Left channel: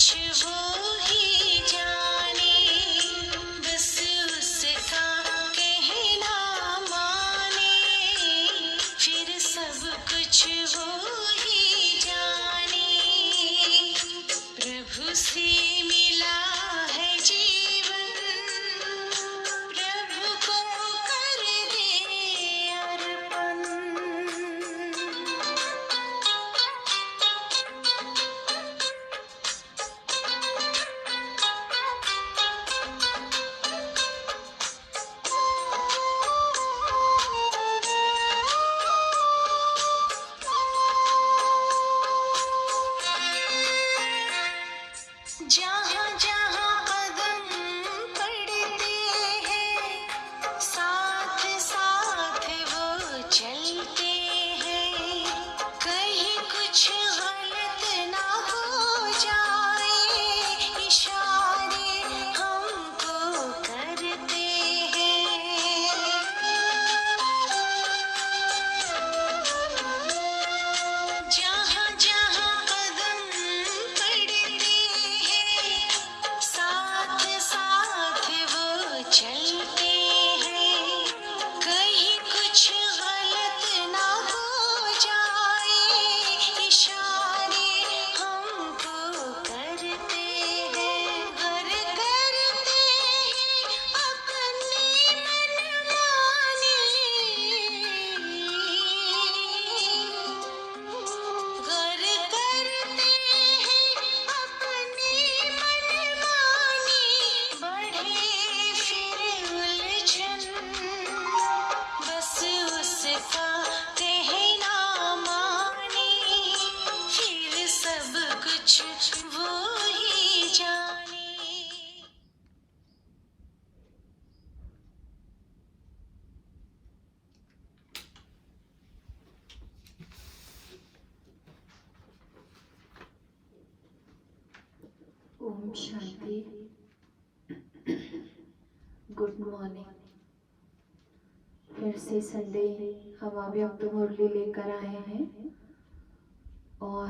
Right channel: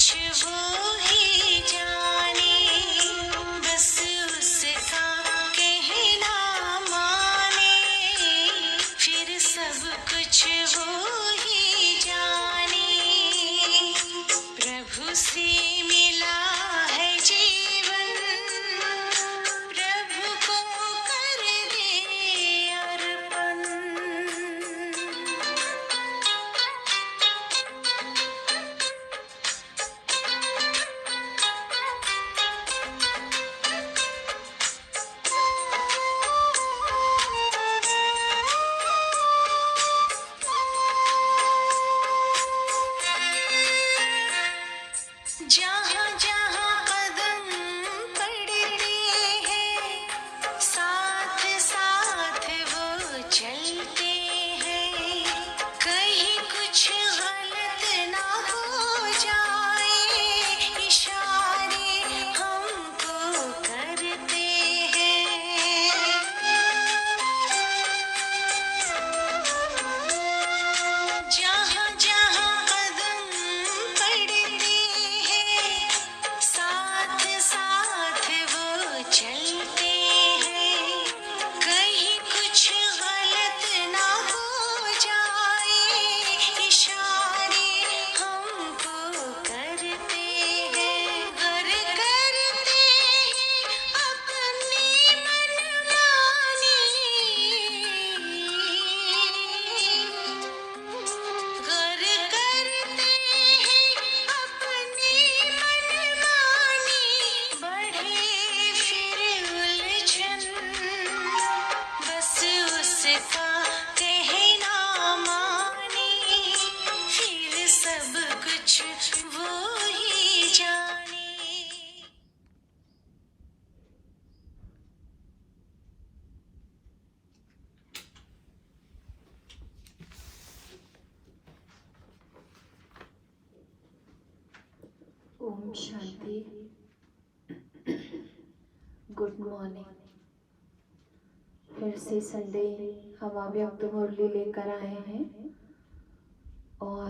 कुछ वो ही जाने, बस उसका कहना माने, फिर सब कुछ वो ही जाने। प्रभु से मिला है जीवन, प्रभु को कर दे अर्पण। जहाँ जहाँ कदम पड़ते हैं, साथ साथ वो चलते हैं। कहीं कुछ गलत ना हो जाए, इशारे हमको करते हैं। जहाँ जहाँ कदम पड़ते हैं, साथ साथ वो चलते हैं। कहीं कुछ गलत ना हो जाए, इशारे हमको करते हैं। घर करते हैं अपनी मनमानी, घर करते हैं अपनी मनमानी, बढ़े फिर उलझन, बस उसका कहना माने, फिर सब कुछ वो ही जाने। ओम शांति। Good morning. फिर से संडे हम अव्यक्त मुरली लेकर आए हैं और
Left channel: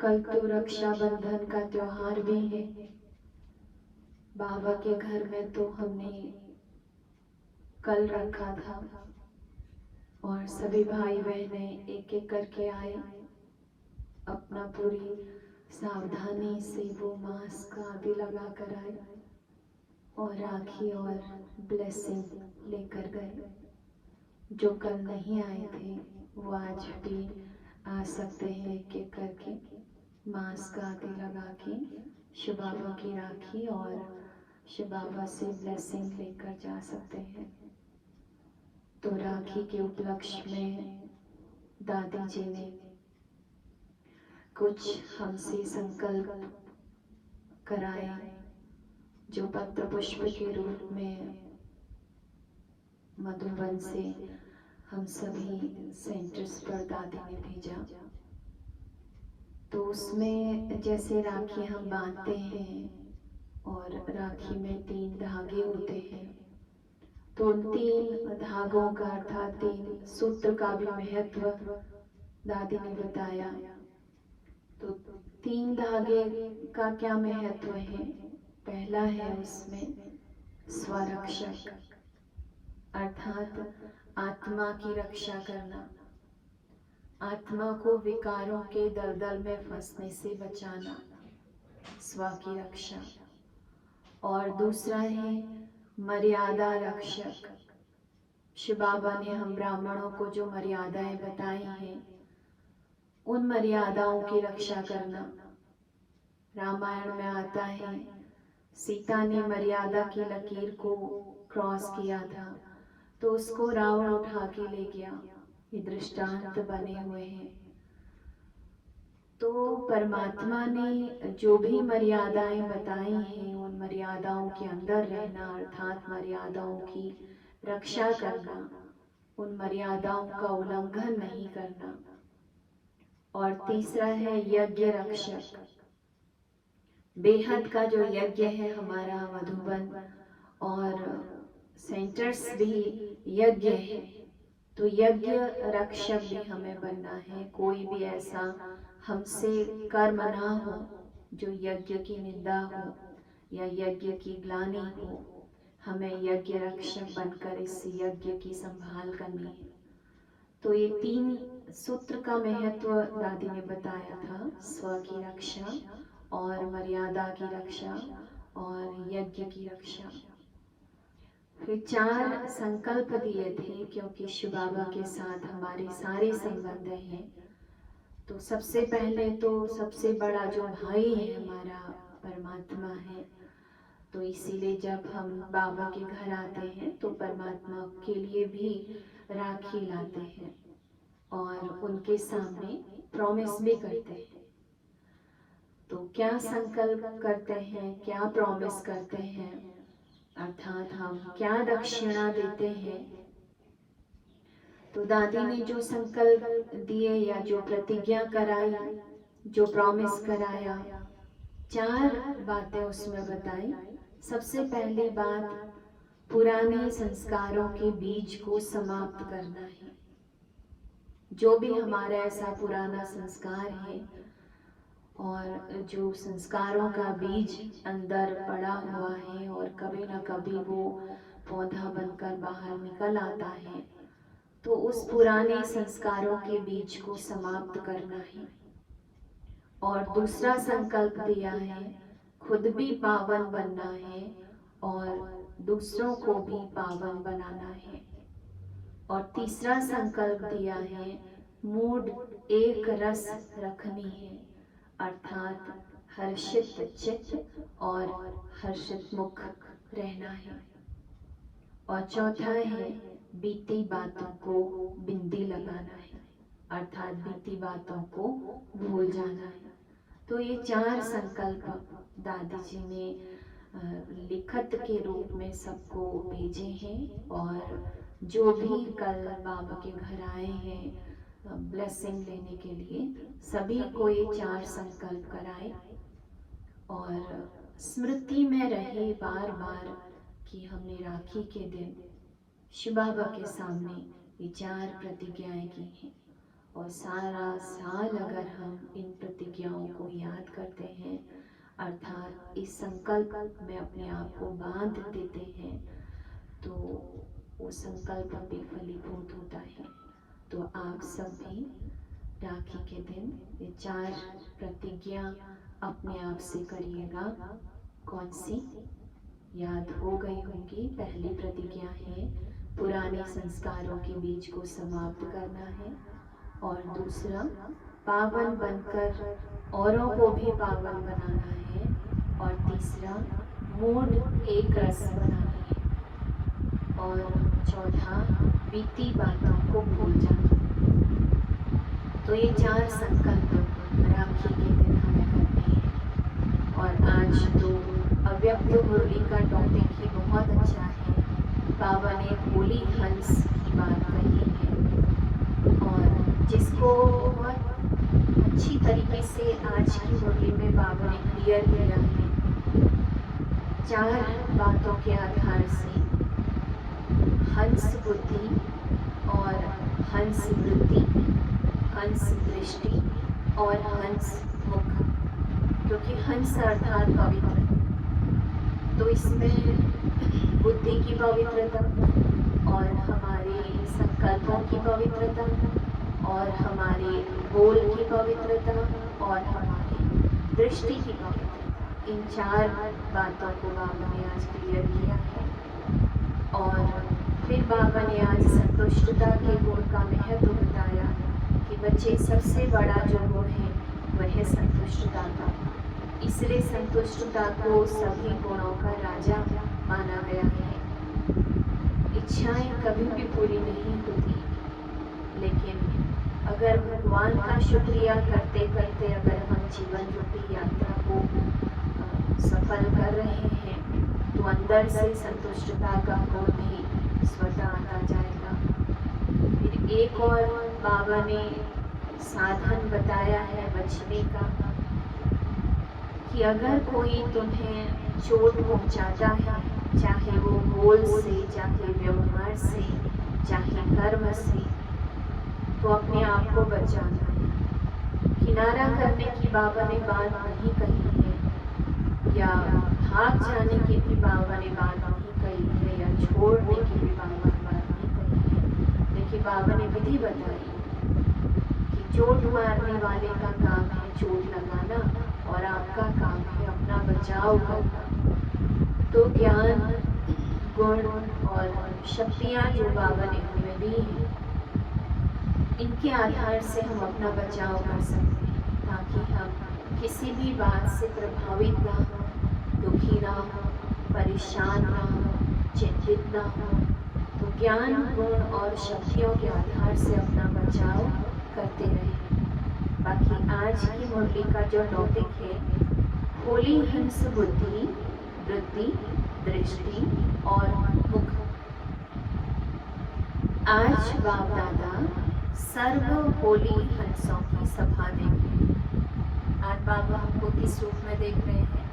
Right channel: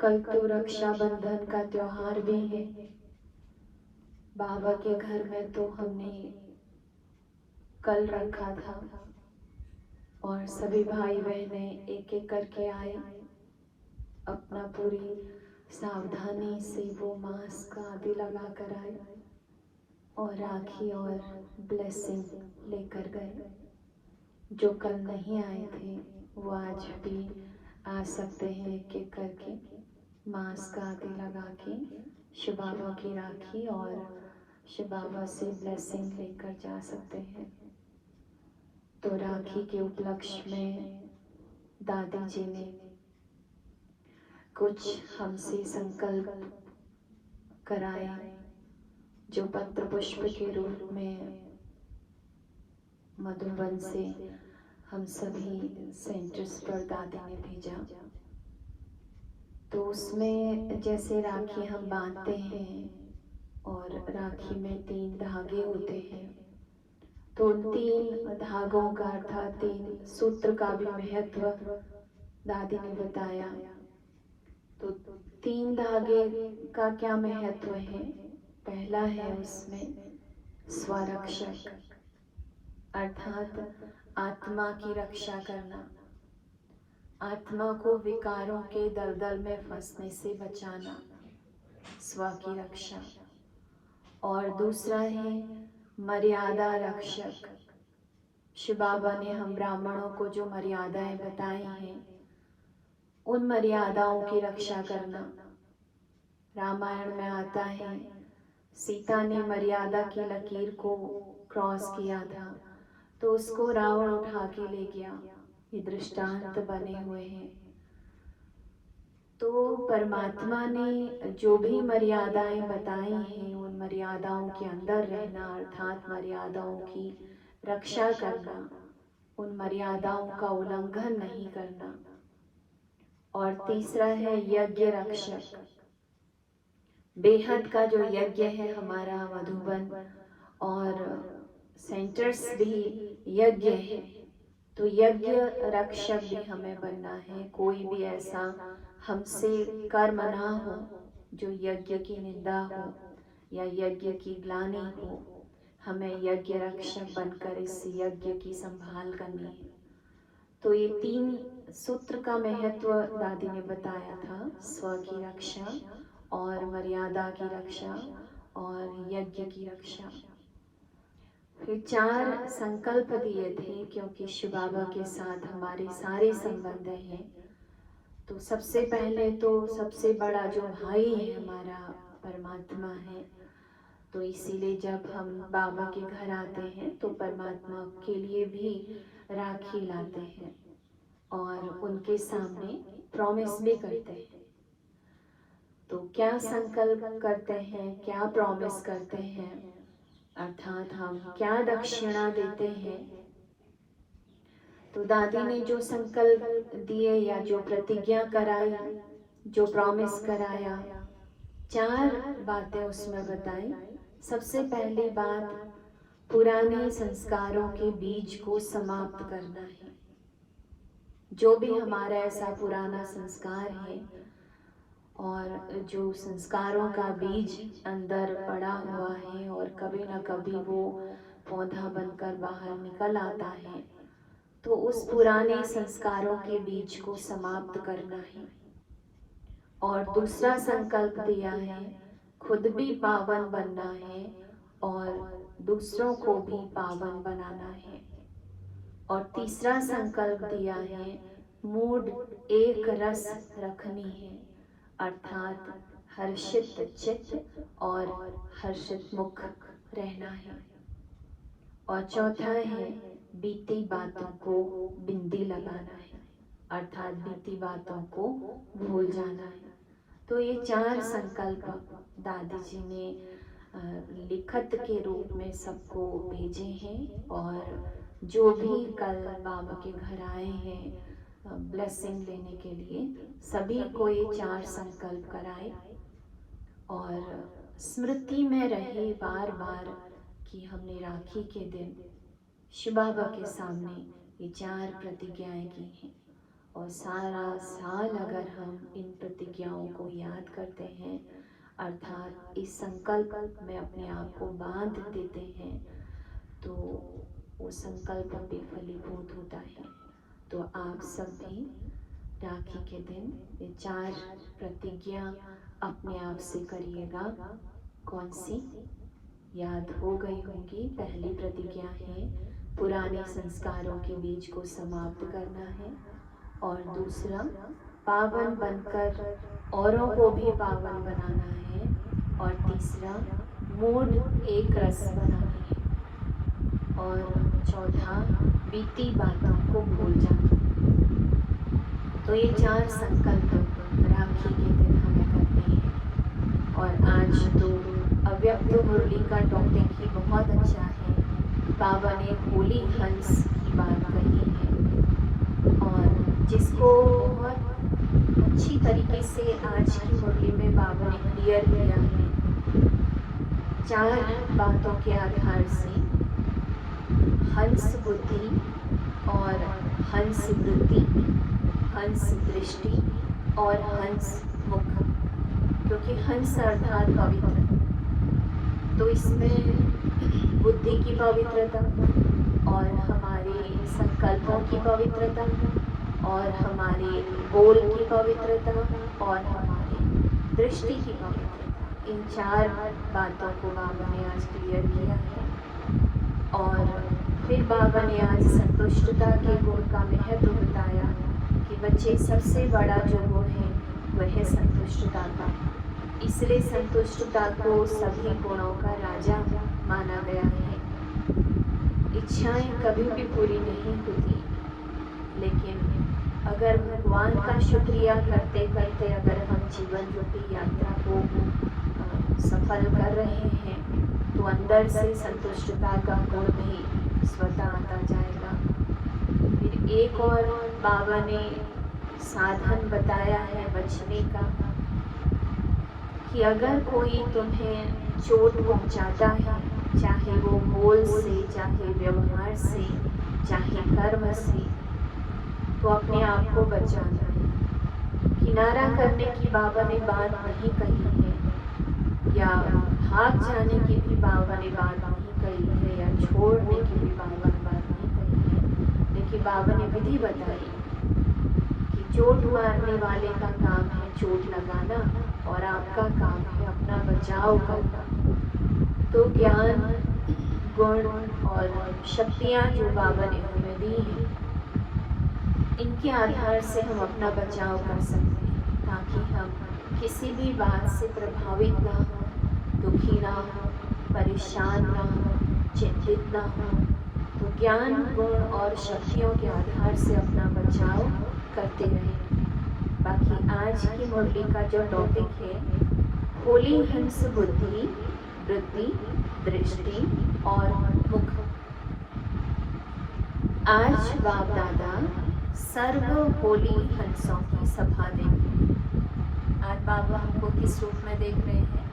कल तो रक्षाबंधन का त्योहार भी है। बाबा के घर में तो हमने कल रखा था और सभी भाई बहने एक एक करके आए, अपना पूरी सावधानी से वो मास्क आदि लगा कर आए और राखी और ब्लेसिंग लेकर गए। जो कल नहीं आए थे वो आज भी आ सकते हैं एक एक करके, मास्क आदि लगा के शिव बाबा की राखी और शिव बाबा से ब्लेसिंग लेकर जा सकते हैं। तो राखी के उपलक्ष्य में दादी जी ने कुछ हमसे संकल्प कराया, जो पत्र पुष्प के रूप में मधुबन से हम सभी सेंटर्स पर दादी ने भेजा। तो उसमें जैसे राखी हम बांधते हैं और राखी में 3 धागे होते हैं, तो उन 3 धागों का अर्थात 3 सूत्र का भी महत्व दादी ने बताया। तो 3 धागे का क्या महत्व है? पहला है उसमें स्वरक्षक, अर्थात आत्मा की रक्षा करना, आत्मा को विकारों के दलदल में फंसने से बचाना, स्व की रक्षा। और दूसरा है मर्यादा रक्षक। शिव बाबा ने हम ब्राह्मणों को जो मर्यादाएं बताई हैं, उन मर्यादाओं की रक्षा करना। रामायण में आता है, सीता ने मर्यादा की लकीर को क्रॉस किया था तो उसको रावण उठा के ले गया। ये दृष्टांत बने हुए हैं। तो परमात्मा ने जो भी मर्यादाएं बताई हैं, उन मर्यादाओं के अंदर रहना, अर्थात मर्यादाओं की रक्षा करना, उन मर्यादाओं का उल्लंघन नहीं करना। और तीसरा है यज्ञ रक्षक। बेहद का जो यज्ञ है हमारा मधुबन और सेंटर्स भी यज्ञ है, तो यज्ञ रक्षक भी हमें बनना है। कोई भी ऐसा हमसे कर्म ना हो जो यज्ञ की निंदा हो या यज्ञ की ग्लानि हो, हमें यज्ञ रक्षक बनकर इस यज्ञ की संभाल करनी है। तो ये 3 सूत्र का महत्व दादी ने बताया था, स्व की रक्षा और मर्यादा की रक्षा और यज्ञ की रक्षा। फिर 4 संकल्प दिए थे, क्योंकि शिव बाबा के साथ हमारे सारे संबंध हैं। तो सबसे पहले तो सबसे बड़ा जो भाई है हमारा परमात्मा है, तो इसीलिए जब हम बाबा के घर आते हैं तो परमात्मा के लिए भी राखी लाते हैं और उनके सामने प्रॉमिस भी करते हैं। तो क्या संकल्प करते हैं, क्या प्रॉमिस करते हैं, अर्थात हम क्या दक्षिणा देते हैं। तो दादी ने जो संकल्प दिए या जो प्रतिज्ञा कराई, जो प्रॉमिस कराया, 4 बातें उसमें बताई। सबसे पहली बात, पुराने संस्कारों के बीज को समाप्त करना है। जो भी हमारा ऐसा पुराना संस्कार है और जो संस्कारों का बीज अंदर पड़ा हुआ है और कभी ना कभी वो पौधा बनकर बाहर निकल आता है, तो उस पुराने संस्कारों के बीज को समाप्त करना है। और दूसरा संकल्प दिया है, खुद भी पावन बनना है और दूसरों को भी पावन बनाना है। और तीसरा संकल्प दिया है, मूड एक रस रखनी है, अर्थात हर्षित चित्त और हर्षित मुख रहना है। और चौथा है, बीती बातों को बिंदी लगाना है, अर्थात बीती बातों को भूल जाना है। तो ये 4 संकल्प दादी जी ने लिखत के रूप में सबको भेजे हैं। और जो भी कल बाबा के घर आए हैं ब्लेसिंग लेने के लिए, सभी को ये 4 संकल्प कराए और स्मृति में रहे बार बार कि हमने राखी के दिन शिव बाबा के सामने ये 4 प्रतिज्ञाएं की हैं। और सारा साल अगर हम इन प्रतिज्ञाओं को याद करते हैं, अर्थात इस संकल्प में अपने आप को बांध देते हैं, तो वो संकल्प भी फलीभूत होता है। तो आप सब भी राखी के दिन ये 4 प्रतिज्ञा अपने आप से करिएगा। कौन सी याद हो गई होंगी? पहली प्रतिज्ञा है पुराने संस्कारों के बीज को समाप्त करना है, और दूसरा पावन बनकर औरों को भी पावन बनाना है, और तीसरा मूड एक रस बनाना है, और चौथा बीती बातों को भूल जाना है। तो ये 4 संकल्प राखी के दिन हमें करने हैं। और आज तो अव्यक्त मुरली का टॉपिक ही बहुत अच्छा है। बाबा ने होली हंस की बात कही है और जिसको बहुत अच्छी तरीके से आज की मुरली में बाबा ने क्लियर किया है। 4 बातों के आधार से हंस बुद्धि और हंस वृत्ति, हंस दृष्टि और हंस मुख, क्योंकि हंस अर्थात पवित्र। तो इसमें बुद्धि की पवित्रता और हमारे संकल्पों की पवित्रता और हमारे बोल की पवित्रता और हमारी दृष्टि की पवित्रता, इन 4 बातों को बाबा ने आज क्लियर किया है। और फिर बाबा ने आज संतुष्टता के गुण का महत्व बताया कि बच्चे सबसे बड़ा जो गुण है वह है संतुष्टता का। इसलिए संतुष्टता को सभी गुणों का राजा माना गया है। इच्छाएं कभी भी पूरी नहीं होती, लेकिन अगर भगवान का शुक्रिया करते करते अगर हम जीवन रूपी यात्रा को सफल कर रहे हैं, तो अंदर से संतुष्टता का गुण भी स्वतः आता जाएगा। फिर एक और बाबा ने साधन बताया है बचने का, कि अगर कोई तुम्हें चोट पहुंचाता है, चाहे वो बोल से, चाहे व्यवहार से, चाहे कर्म से, तो अपने आप को बचाना है। किनारा करने की बाबा ने बात नहीं कही है, या भाग जाने की भी बाबा ने बात नहीं कही है, या छोड़ने की भी बाबा ने बात नहीं कही है, लेकिन बाबा ने विधि बताई कि चोट मारने वाले का काम है चोट लगाना और आपका काम है अपना बचाव करना। तो ज्ञान, गुण और शक्तियाँ जो बाबा ने हमें दी हैं, इनके आधार से हम अपना बचाव कर सकते हैं, ताकि हम किसी भी बात से प्रभावित ना हो, दुखी ना हो, परेशान ना हो, चिंतित ना हो। तो ज्ञान, गुण और शक्तियों के आधार से अपना बचाव करते रहें। बाकी आज की मुरली का जो टॉपिक है, होली हंस बुद्धि, वृत्ति, दृष्टि और मुख। आज बाप दादा सर्व होली हंसों की सभा देंगे। आज बाबा हमको किस रूप में देख रहे हैं?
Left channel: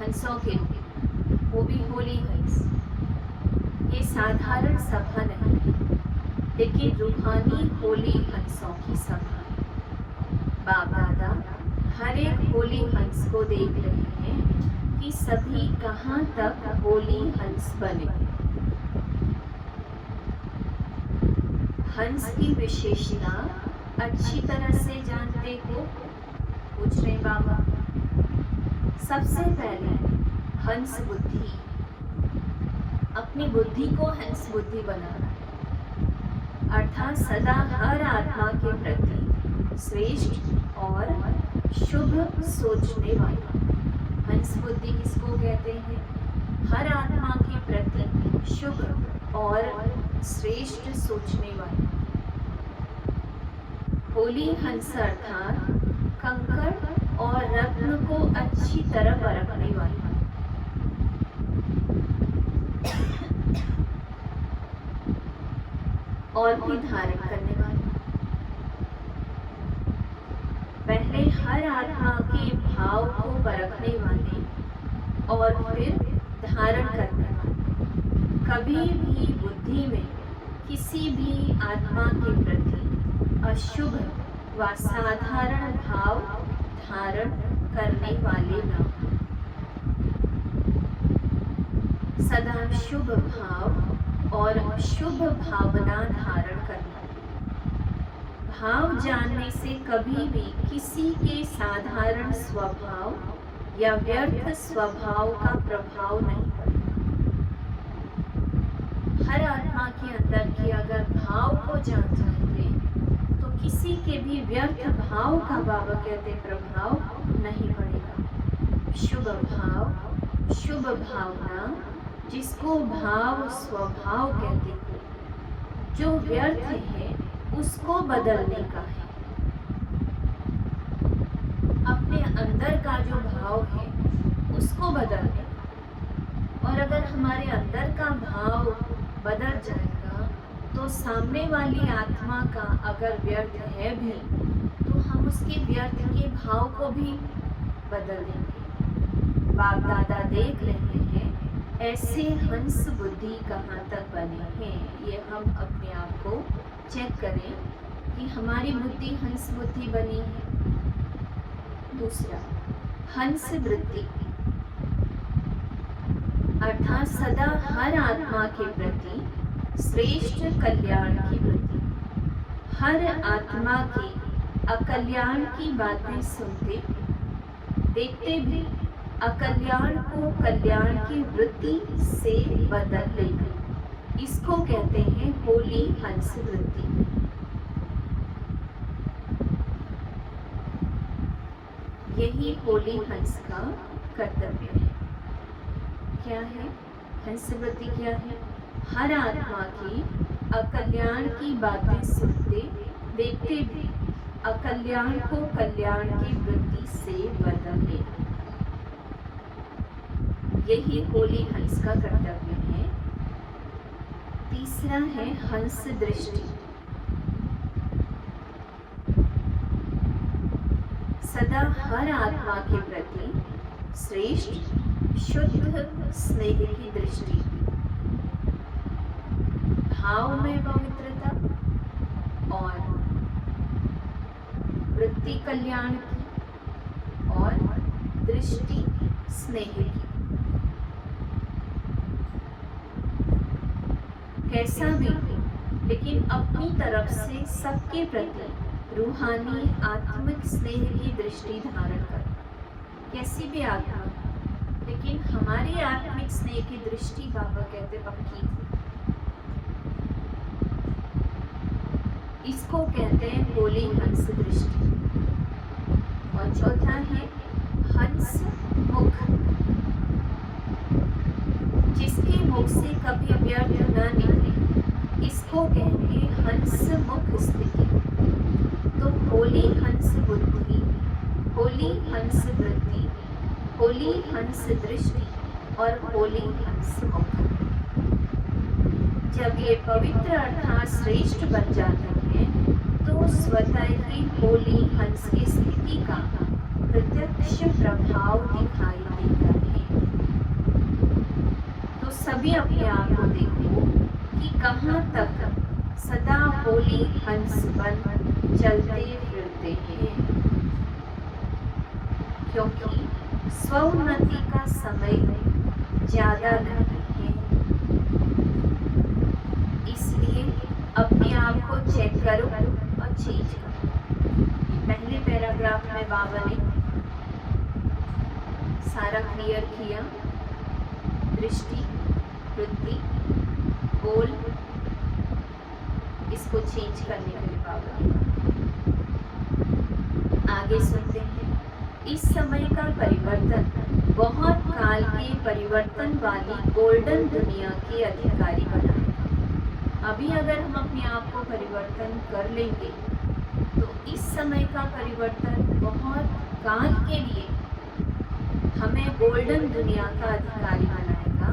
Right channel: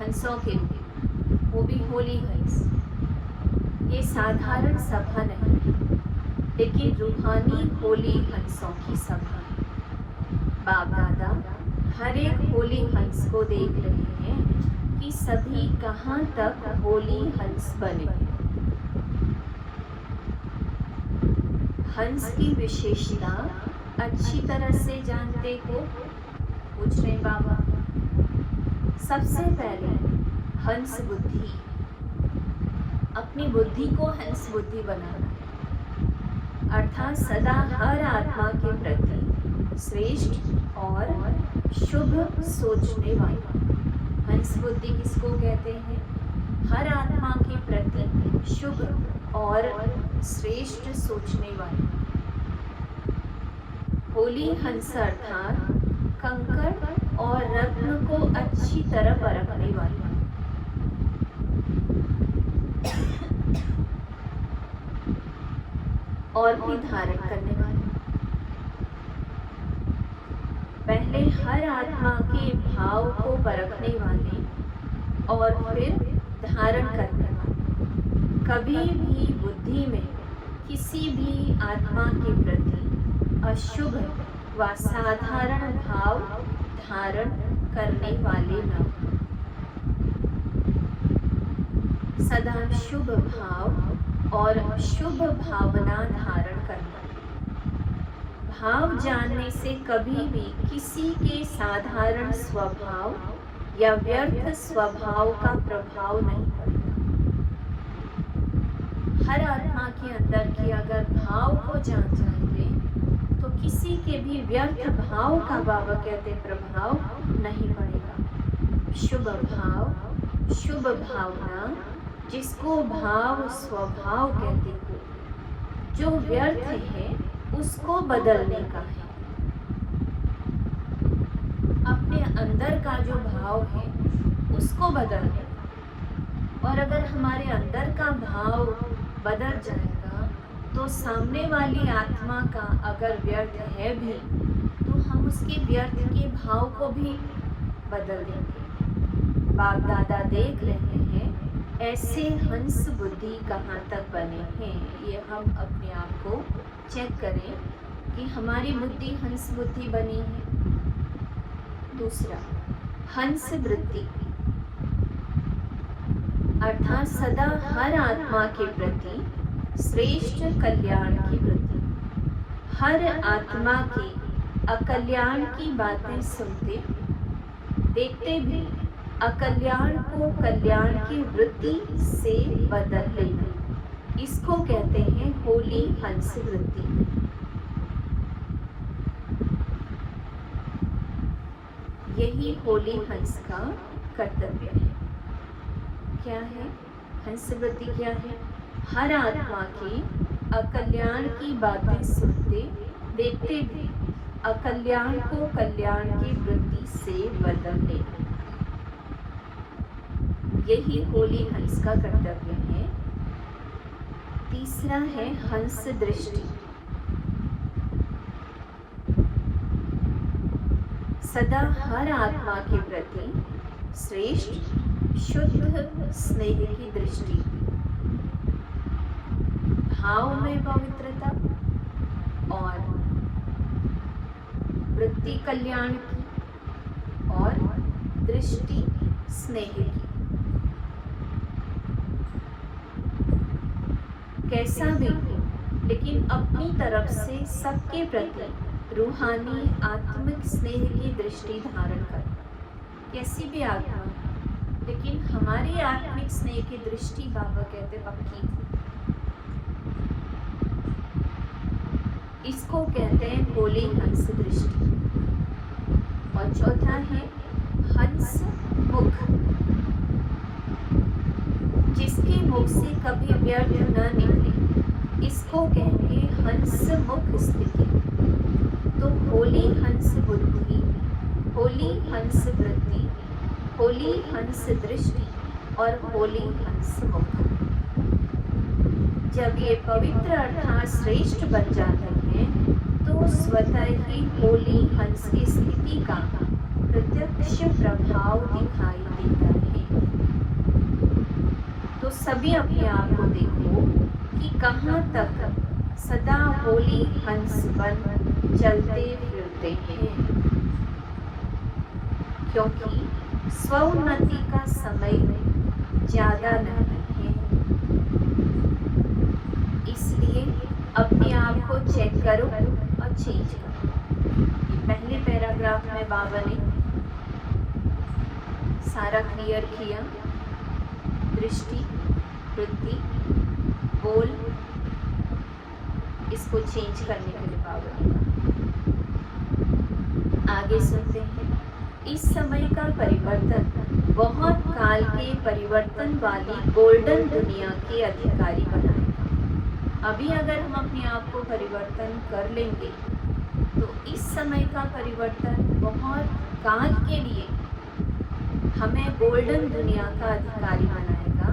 हंसों के रूप, वो भी होली हंस। ये साधारण सभा नहीं, लेकिन रूहानी होली हंसों की सभा है। बाप दादा हर एक होली हंस को देख रहे हैं कि सभी कहाँ तक होली हंस बने। हंस की विशेषता अच्छी तरह से जानते हो? पूछ रहे बाबा। सबसे पहले हंस बुद्धि, अपनी बुद्धि को हंस बुद्धि बनाना, अर्थात सदा हर आत्मा के प्रति श्रेष्ठ और शुभ सोचने वाला। हंस बुद्धि किसको कहते हैं? हर आत्मा के प्रति शुभ और श्रेष्ठ सोचने वाला। होली हंस अर्थात कंकड़ और रत्न को अच्छी तरह परखने वाला। और भी धारण करने वाला। पहले हर आत्मा के भाव को परखने वाले और फिर धारण करने वाले। कभी भी बुद्धि में किसी भी आत्मा के प्रति अशुभ व साधारण भाव धारण करने वाले न हो। सदा शुभ भाव और शुभ भावना धारण करना। भाव जानने से कभी भी किसी के साधारण स्वभाव या व्यर्थ स्वभाव का प्रभाव नहीं पड़ेगा। हर आत्मा के अंदर के अगर भाव को जान जाएंगे तो किसी के भी व्यर्थ भाव का बाबा कहते प्रभाव नहीं पड़ेगा। शुभ भाव, शुभ भावना, जिसको भाव स्वभाव कहते हैं, जो व्यर्थ है उसको बदलने का है। अपने अंदर का जो भाव है उसको बदलने का। और अगर हमारे अंदर का भाव बदल जाएगा तो सामने वाली आत्मा का अगर व्यर्थ है भी तो हम उसके व्यर्थ के भाव को भी बदल देंगे। बाप दादा देख रहे हैं ऐसे हंस बुद्धि कहाँ तक बने हैं। ये हम अपने आप को चेक करें कि हमारी बुद्धि हंस बुद्धि बनी है। दूसरा, हंस वृत्ति अर्थात सदा हर आत्मा के प्रति श्रेष्ठ कल्याण की वृत्ति। हर आत्मा की अकल्याण की बातें सुनते देखते भी अकल्याण को कल्याण की वृत्ति से बदल लेना, इसको कहते हैं होली हंस वृत्ति। यही होली हंस का कर्तव्य है। क्या है हंस वृत्ति? क्या है? हर आत्मा की अकल्याण की बातें सुनते देखते भी अकल्याण को कल्याण की वृत्ति से बदल लेना, यही होली हंस का कर्तव्य है। तीसरा है हंस दृष्टि। सदा हर आत्मा के प्रति श्रेष्ठ शुद्ध स्नेह की दृष्टि, भाव में पवित्रता और वृत्ति कल्याण की और दृष्टि स्नेह की। कैसा भी हो, लेकिन अपनी तरफ से सबके प्रति रूहानी आत्मिक स्नेह की दृष्टि धारण कर। कैसी भी आत्मा, लेकिन हमारी आत्मिक स्नेह की दृष्टि बाबा कहते पक्की। इसको कहते हैं होली हंस दृष्टि। और चौथा है हंस मुख, जिसके मुख से कभी व्यर्थ न निकले, इसको कहेंगे हंस मुख स्थिति। तो होली हंस बुद्धि, होली हंस वृत्ति, होली हंस दृष्टि और होली हंस मुख। जब ये पवित्र अर्थात श्रेष्ठ बन जाते हैं तो स्वतः ही होली हंस की स्थिति का प्रत्यक्ष प्रभाव दिखाई देता है। तो सभी अपने आप को देखो कि कहाँ तक सदा होली हंस बन चलते फिरते हैं, क्योंकि स्वोन्नति का समय ज्यादा नहीं है। इसलिए अपने आप को चेक करो और चेंज करो। पहले पैराग्राफ में बाबा ने सारा क्लियर किया, दृष्टि, वृत्ति, बोल, इसको चेंज करने के लिए बाबा ने कहा। आगे सुनते हैं। इस समय का परिवर्तन बहुत काल के परिवर्तन वाली गोल्डन दुनिया के अधिकारी बनाएगा। अभी अगर हम अपने आप को परिवर्तन कर लेंगे तो इस समय का परिवर्तन बहुत काल के लिए हमें गोल्डन दुनिया का अधिकारी बनाएगा।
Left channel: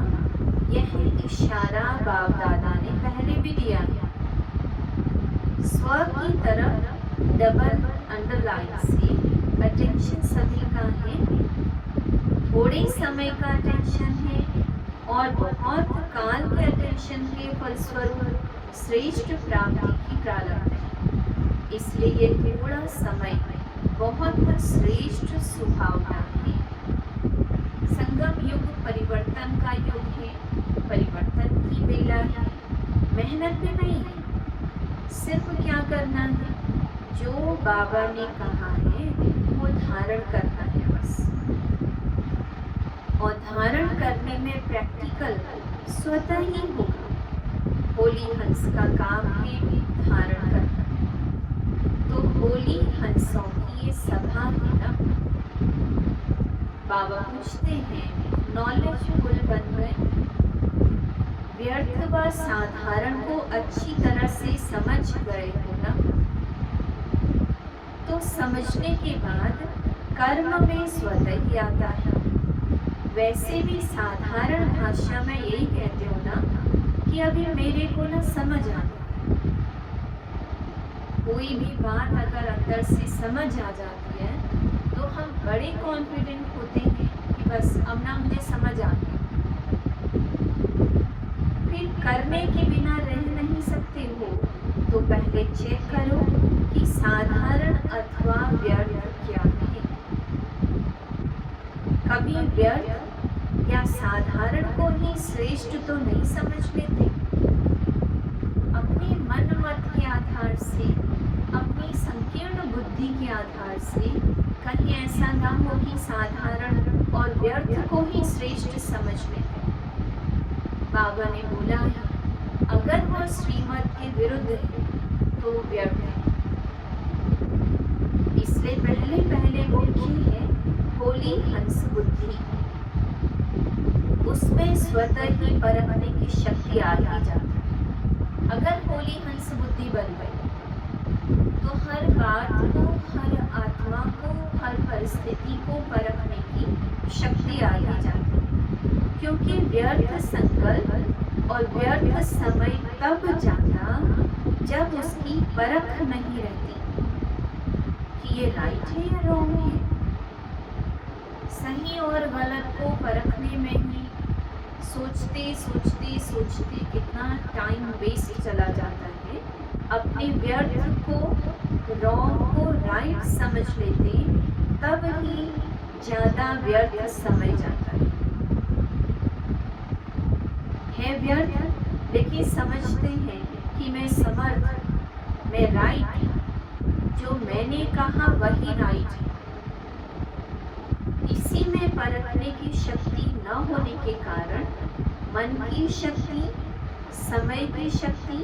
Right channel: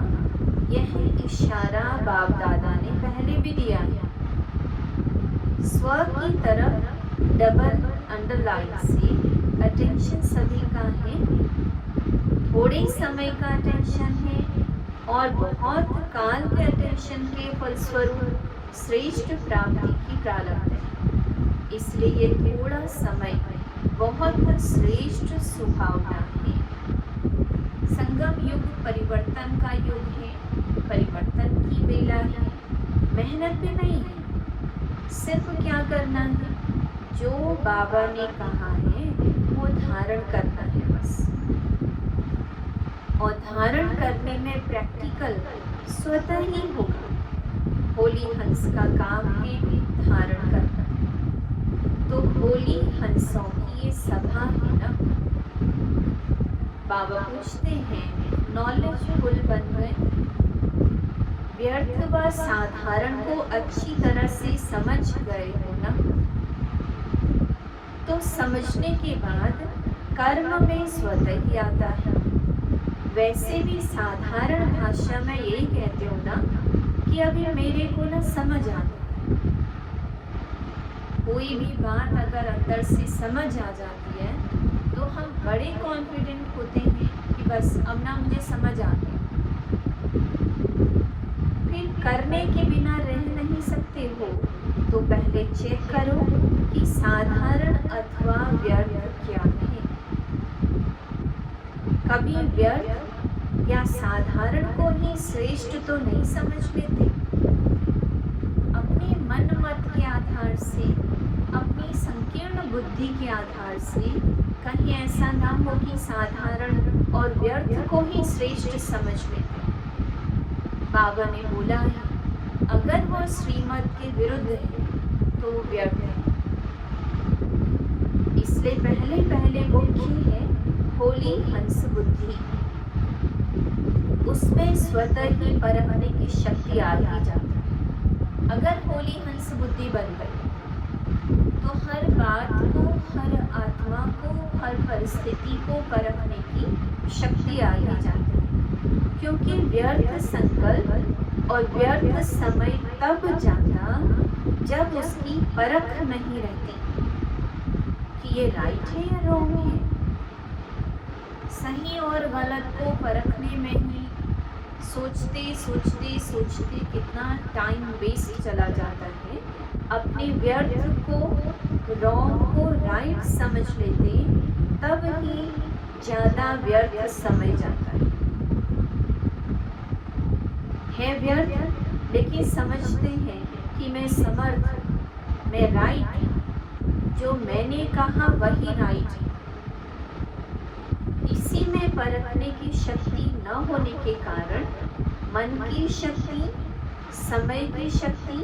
यह इशारा बाप दादा ने पहले भी दिया है। स्व की तरफ डबल अंडरलाइन से अटेंशन सभी का है। थोड़े समय का अटेंशन है और बहुत काल के अटेंशन के फलस्वरूप श्रेष्ठ प्राप्ति की प्रारंभ है। इसलिए ये थोड़ा समय बहुत श्रेष्ठ सुहावना है। संगम युग परिवर्तन का युग है, परिवर्तन की बेला है। मेहनत भी नहीं है, सिर्फ क्या करना है, जो बाबा ने कहा है वो धारण करना है बस। और धारण करने में प्रैक्टिकल स्वतः ही होगा। होली हंस का काम है धारण करना। तो होली हंसों की ये सभा है ना। बाबा पूछते हैं, नॉलेजफुल बन गए, व्यर्थ व साधारण को अच्छी तरह से समझ गए हो ना। तो समझने के बाद कर्म में स्वतः ही आता है। वैसे भी साधारण भाषा में यही कहते हो ना कि अभी मेरे को ना समझ आता है। कोई भी बात अगर अंदर से समझ आ जाती है तो हम बड़े कॉन्फिडेंट होते हैं कि बस अब ना मुझे समझ आ गया। फिर करने के बिना रह नहीं सकते हो। तो पहले चेक करो कि साधारण अथवा व्यर्थ क्या है। कभी व्यर्थ या साधारण को ही श्रेष्ठ तो नहीं समझ लेते। अपने मन मत के आधार से, अपनी संकीर्ण बुद्धि के आधार से कहीं ऐसा ना हो कि साधारण और व्यर्थ को ही श्रेष्ठ समझ लेते। बाबा ने बोला है, अगर वो श्रीमत के विरुद्ध है तो व्यर्थ है। इसलिए पहले मुख्य है होली हंस बुद्धि। उसमें स्वतः ही परखने की शक्ति आ जाती है। अगर होली हंस बुद्धि बन गई तो हर बात को, हर आत्मा को, हर परिस्थिति को परखने की शक्ति आ जाती है। क्योंकि व्यर्थ संकल्प और व्यर्थ समय तब जाता जब उसकी परख नहीं रहती कि ये राइट है या रॉन्ग है। सही और गलत को परखने में ही सोचते कितना टाइम वेस्ट चला जाता है। अपने व्यर्थ को रॉन्ग को राइट समझ लेते तब ही ज्यादा व्यर्थ समय जाता है व्यर्थ, लेकिन समझते हैं कि मैं समर्थ, मैं राइट, जो मैंने कहा वही राइट है। इसी में परखने की शक्ति न होने के कारण मन की शक्ति, समय की शक्ति,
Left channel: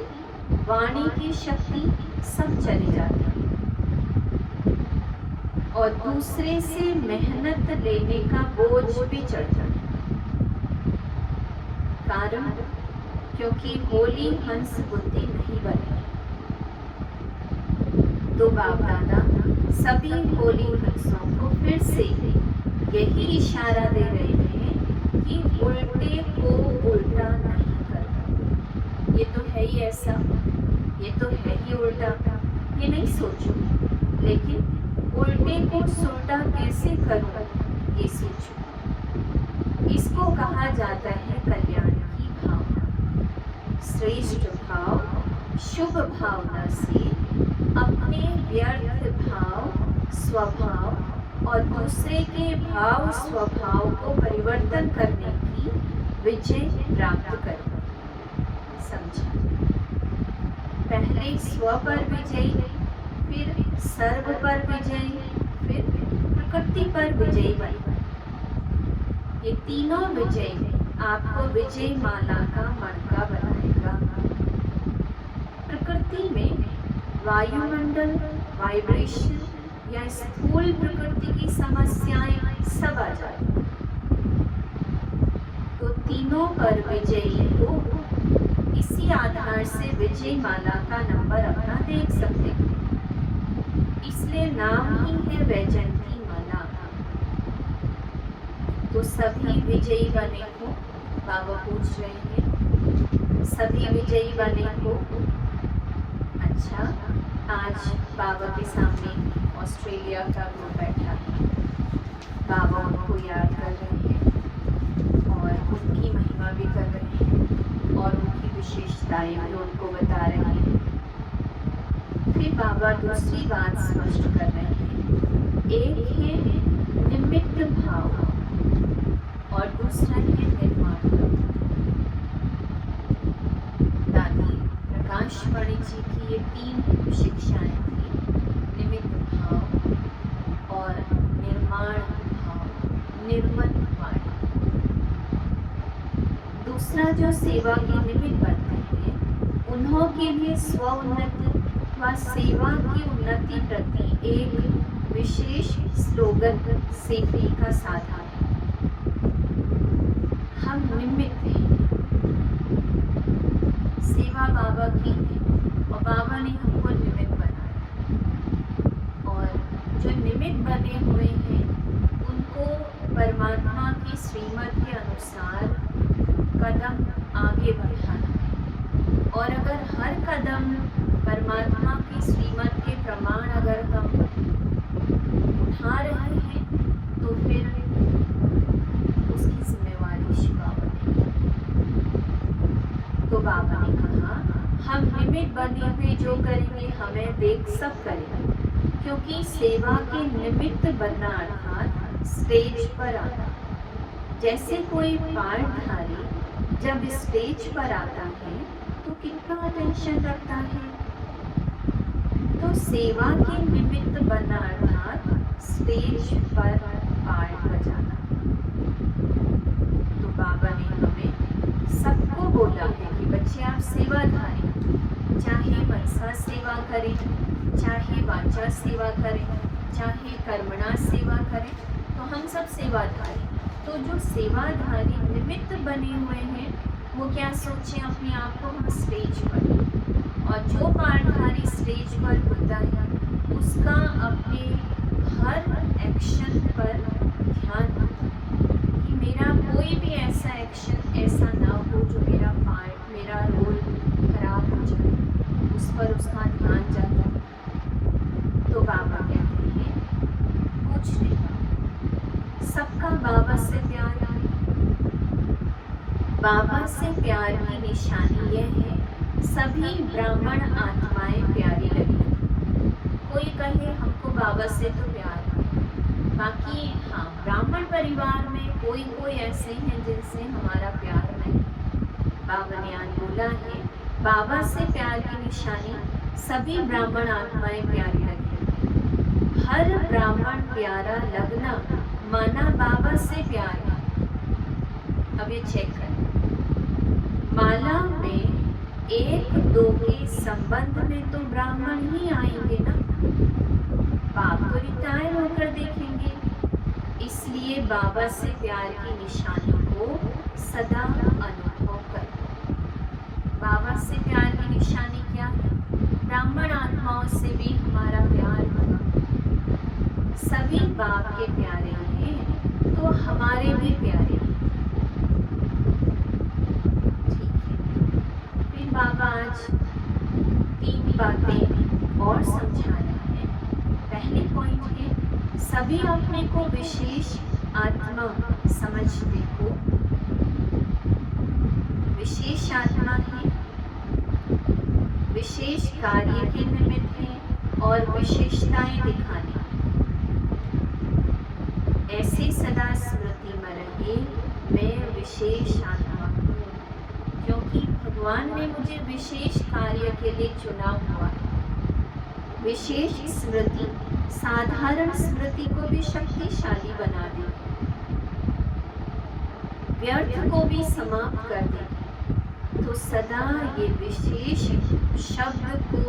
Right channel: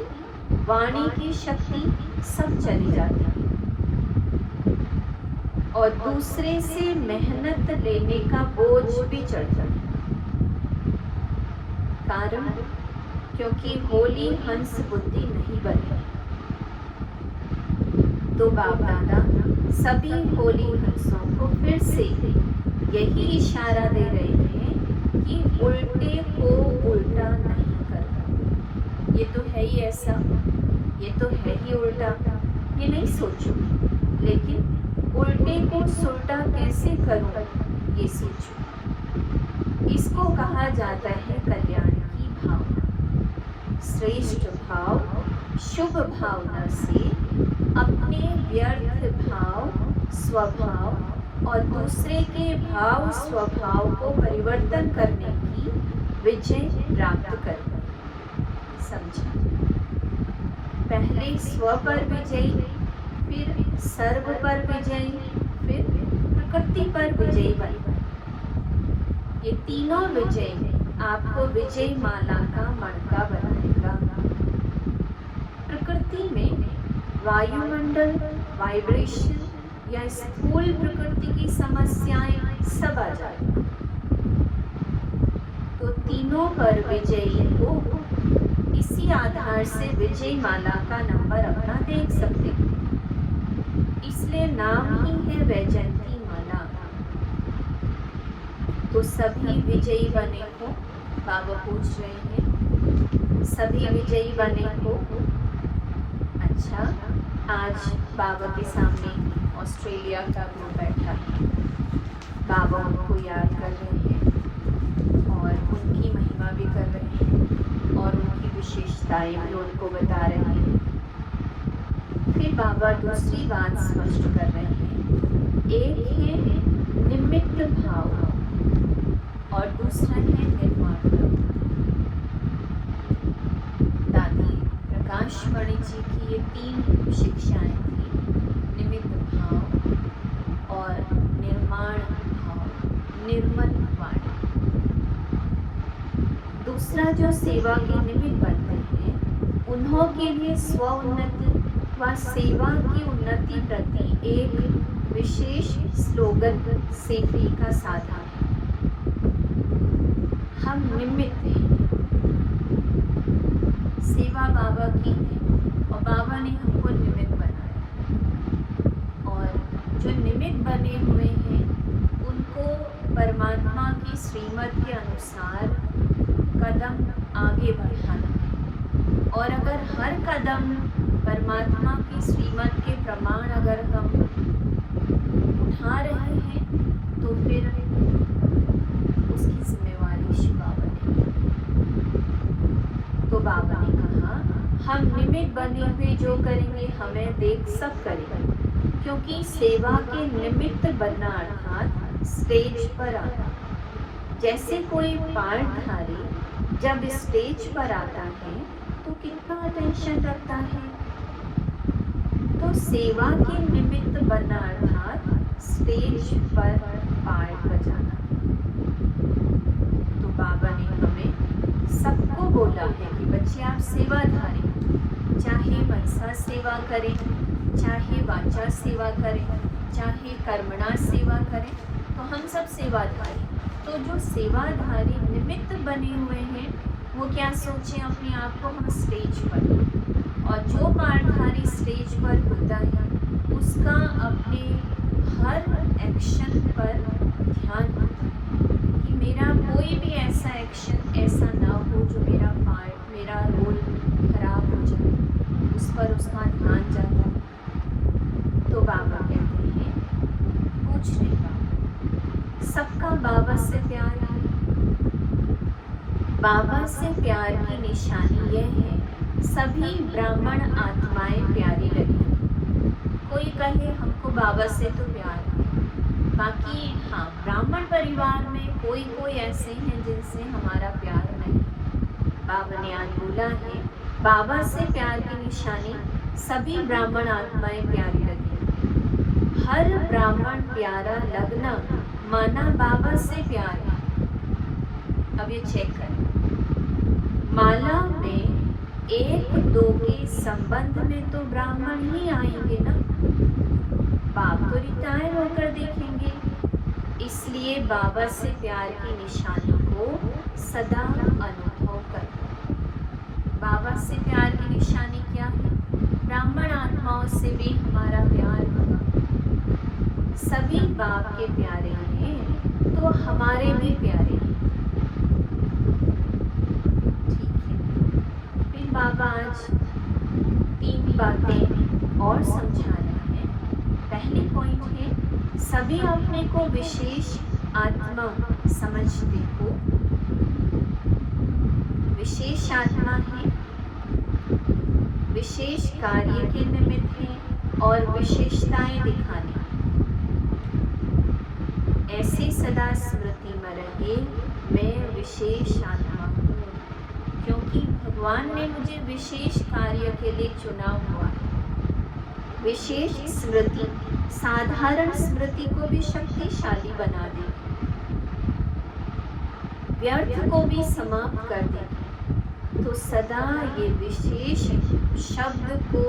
वाणी की शक्ति सब चली जाती है और दूसरे से मेहनत लेने का बोझ भी चढ़ता है। कारण क्योंकि होली हंस बुद्धि नहीं बनी। तो बाप दादा सभी होली हंसों को फिर से यही इशारा दे रहे हैं कि उल्टे को उल्टा नहीं करो। ये तो है ही ऐसा, ये तो है ही उल्टा, ये नहीं सोचो, लेकिन उल्टे को सुल्टा कैसे करूं ये सोचो। इसको कहा जाता है कल्याण की भावना। श्रेष्ठ भाव, शुभ भावना से अपने व्यर्थ भाव, स्वभाव और दूसरे के भाव स्वभाव को परिवर्तन करने की विजय प्राप्त करें। समझिए, पहले स्व पर विजय, फिर सर्व पर विजय, फिर प्रकृति पर विजय बने। ये तीनों विजय आपको विजय माला का मणका बनाएगा। प्रकृति में वायुमंडल, वाइब्रेशन या स्थूल प्रकृति की समस्याएं सब आ जाती। तो तीनों पर विजयी हो, इसी आधार से विजय माला का नंबर अपना देख सकते हैं। इसलिए नाम ही है वैजयंती माला। तो सभी विजयी बने हो, बाबा पूछ रहे हैं, सभी विजयी बने हो। अच्छा, आज बाबा के सामने ऑस्ट्रेलिया का ग्रुप बैठा है। बाबा उनको याद कर रहे हैं और उनकी महिमा भी कर रहे हैं और उनकी विशेषताएं भी उनको बता रहे हैं। फिर बाबा दूसरी बात स्पष्ट कर रहे हैं। एक है निमित्त भाव और दूसरा है निर्माण। दादी प्रकाश मणि जी की ये तीन शिक्षाएं थी, निमित्त भाव और निर्माण भाव, निर्मल वाणी। दूसरा जो सेवा के निमित्त बनते हैं, उन्हों के लिए स्व उन्नति व सेवा की उन्नति प्रति एक विशेष स्लोगन सेफ्टी का साधन है। हम निमित्त हैं, सेवा बाबा की है और बाबा ने हमको निमित्त बनाया। और जो निमित्त बने हुए हैं उनको परमात्मा की श्रीमत के अनुसार कदम आगे बढ़ाना है। और अगर हर कदम परमात्मा की श्रीमत के प्रमाण अगर हम उठा रहे हैं तो फिर उसकी जिम्मेवारी शिवा बनेगी। तो बाबा ने कहा, हम निमित्त बने हुए जो करेंगे हमें देख सब करेंगे, क्योंकि सेवा के निमित्त बनना अर्थात स्टेज पर आना। जैसे कोई पाठधारी जब स्टेज पर आता है तो कितना अटेंशन रखता है। तो सेवा के निमित्त बनना अर्थात स्टेज पर पाठ बजाना। तो बाबा ने हमें सबको बोला है कि बच्चे आप सेवाधारी, चाहे मनसा सेवा करें, चाहे वाचा सेवा करें, चाहे कर्मणा सेवा करें, तो हम सब सेवाधारी। तो जो सेवाधारी निमित्त बने हुए हैं वो क्या सोचें अपने आप को हम स्टेज पर, और जो पाठधारी स्टेज पर होता है उसका अपने हर एक्शन पर ध्यान होता है कि मेरा कोई भी ऐसा एक्शन ऐसा ना हो जो मेरा पार्ट, मेरा रोल खराब हो जाए, उस पर उसका ध्यान जाता है। तो बाबा कहते हैं, पूछ रहे बाबा, सबका बाबा से प्यार है। बाबा से प्यार की निशानी यह है, सभी ब्राह्मण आत्माएं प्यारी लगी। कोई कहे हमको बाबा से तो प्यार है, बाकी हाँ ब्राह्मण परिवार में कोई कोई ऐसे हैं जिनसे हमारा प्यार नहीं। बाबा ने आज बोला है बाबा से प्यार की निशानी सभी ब्राह्मण आत्माएं प्यारी लगी। हर ब्राह्मण प्यारा लगना माना बाबा से प्यार है। अब ये चेक करें, माला में 1-2 के संबंध में तो ब्राह्मण ही आएंगे ना, बाप तो रिटायर होकर देखेंगे। इसलिए बाबा से प्यार की निशानियों को सदा अनुभव करें। बाबा से प्यार की निशानी क्या है? ब्राह्मण आत्माओं से भी हमारा प्यार होगा। सभी बाप के प्यारे हैं तो हमारे भी प्यारे हैं। बाबा आज 3 बातें और समझा रहे हैं। पहले पॉइंट है सभी अपने को विशेष आत्मा समझते हो। विशेष आत्मा है, विशेष कार्य के निमित्त है और विशेषताएं दिखाने। ऐसे सदा स्मृति में रहे मैं विशेष आत्मा हूँ, क्योंकि भगवान ने मुझे विशेष कार्य के लिए चुना हुआ है। विशेष स्मृति साधारण स्मृति को भी शक्तिशाली बना दे, व्यर्थ को भी समाप्त कर दे। तो सदा ये विशेष शब्द को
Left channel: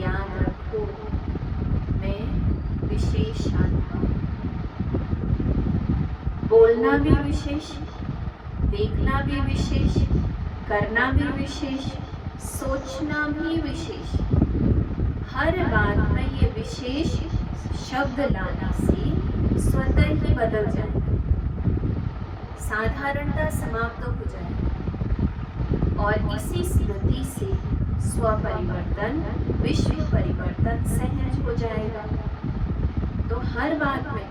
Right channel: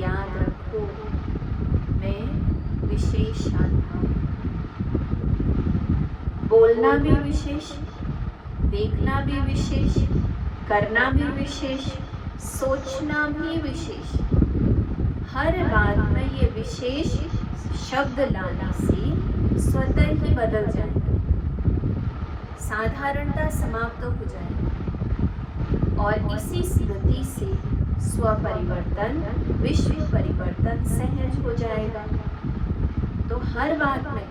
याद रखो, मैं विशेष आत्मा हूँ। बोलना भी विशेष, देखना भी विशेष, करना भी विशेष, सोचना भी विशेष। हर बात में ये विशेष शब्द लाने से स्वतः ही बदल जाएगी, साधारणता समाप्त हो जाएगी और इसी स्मृति से स्वपरिवर्तन, विश्व परिवर्तन सहज हो जाएगा। तो हर बात में